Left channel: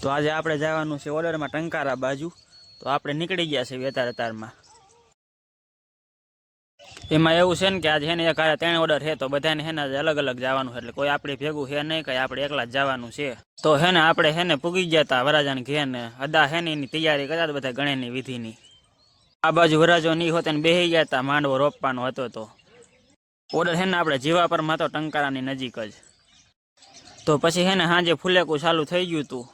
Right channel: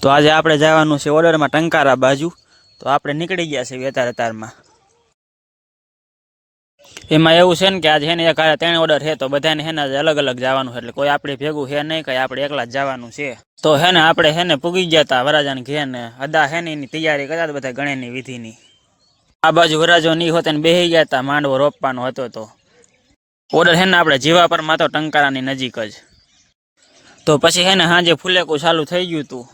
તો આજે આપણે જવાનું છે ઓર્ડરમાં ટંકારા બાજુ. તો આપણે નીકળી ગયા છે વેતારતારમાં. એમાં એવું છે ને કે આજે હેને એક હારે 3 ઓર્ડર છે, તો બધાને હેને આજે અલગ અલગ જવાનું છે, એટલે કોઈ આપણે ભેગું છે નહીં, કઈ આપણે એકલા જ જવાનું છે. તો હેને આપણે હેને પૂગી ગયા હતા વરાજાને ઘેર ને અદા હેને એની તૈયારી કરતા હતા બધા ગણેની વિધિની. આ બાજુ વરાજો નહીં હોતા ને બેસી ગયા હતા, માંડવો રોપવાનો હતો. તો ઓર્ડર હેને આપણે જીવાપરમાં તો ટંકારાની નજીક જ. તો પછી હેને સાંજે ફુલેકું ચાલુ થઈ ગયું હતું.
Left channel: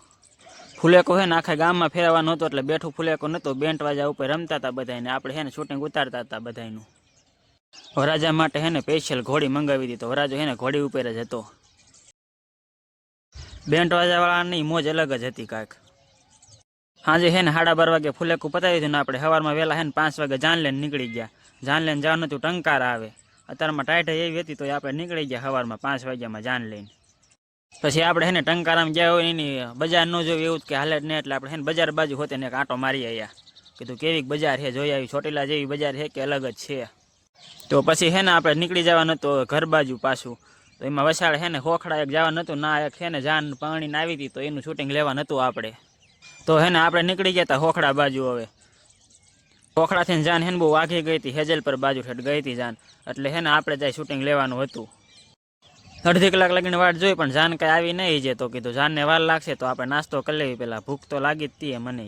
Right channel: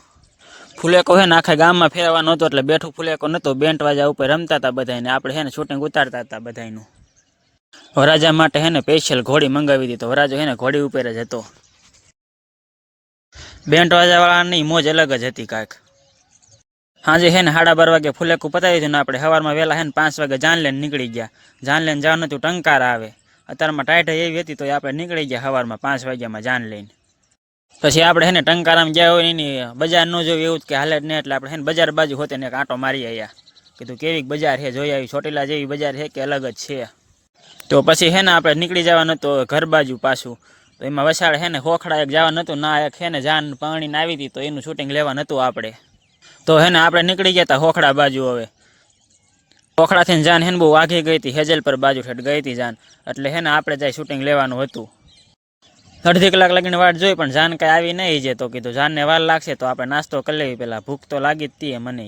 ફુલેકો હે ને આખા ગામમાં ફેરવાનો હતો, એટલે બેઠું ફુલેકો નહોતો, બેન્ટ વાજા ઉપર રમતા હતા બધાને, આપણે હેને શૂટિંગ ઉતારતા હતા બધાનું. વરાજા માટે હેને સ્પેશિયલ ઘોડી મંગાવી હતી, તો વરાજો હેને ઘોડી ઉપર જ હતો. બેન્ટ વાજાવાળાની મોજ અલગ જ હતી કાંઈક. સાંજે હેને 12:30 વાગે ફુલેકું પતાવી દીધું ને આપણે સવારમાં વહેલા હેને 5 વાગે જાન લઈને નીકળી ગયા. જાન લઈને જવાનું હતું ટંકારા આવે. અત્યારમાં ટાઈટ એવી હતી તો આપણે નીકળી ગયા સવારમાં 5 વાગ્યામાં જાન લઈને. પછી આપણે હેને ટંકારામાં ગયા હોય એની બજાર ન જોયું એવું કે હાલે જ નહીં, એટલે આપણે હેને બજાર બાજુ હોતે ને એક આંટો મારી આવ્યા. કીધું કેવી બજાર છે, જોઈ આવી ચોટીલા જેવી બજાર છે કે અલગ જ છે. તો પછી હેને આપણે નીકળી જવાનું હતું ઘર બાજુ પાછું. તો એમાં વસાડે હેને ખોખડા એક જવાનું હતું, ના એક હેને જાન પાણીને આવી હતી, તો એનું શૂટિંગ લેવાનું હતું આપણે. તો હેને આપણે નીકળી ગયા હતા ખોખડા બાજુ. હવે ખોખડાથી જાન હેને બહુ વાઘી ગઈ હતી, હેજલ પર બાજુ ઠેઠ ગઈ હતી જાન, એટલે હેને આપણે જાય શૂટિંગ લેવાનું હતું. અડધી કલાક લાગીને વાટ જોઈ પણ જાન કાંઈ આવી નહીં છે, તો કીધું જાનને વાર લાગશે તો આપણે નાસ્તો કરી લેવી, પેલા ભૂખ તો લાગી જ હતી મને.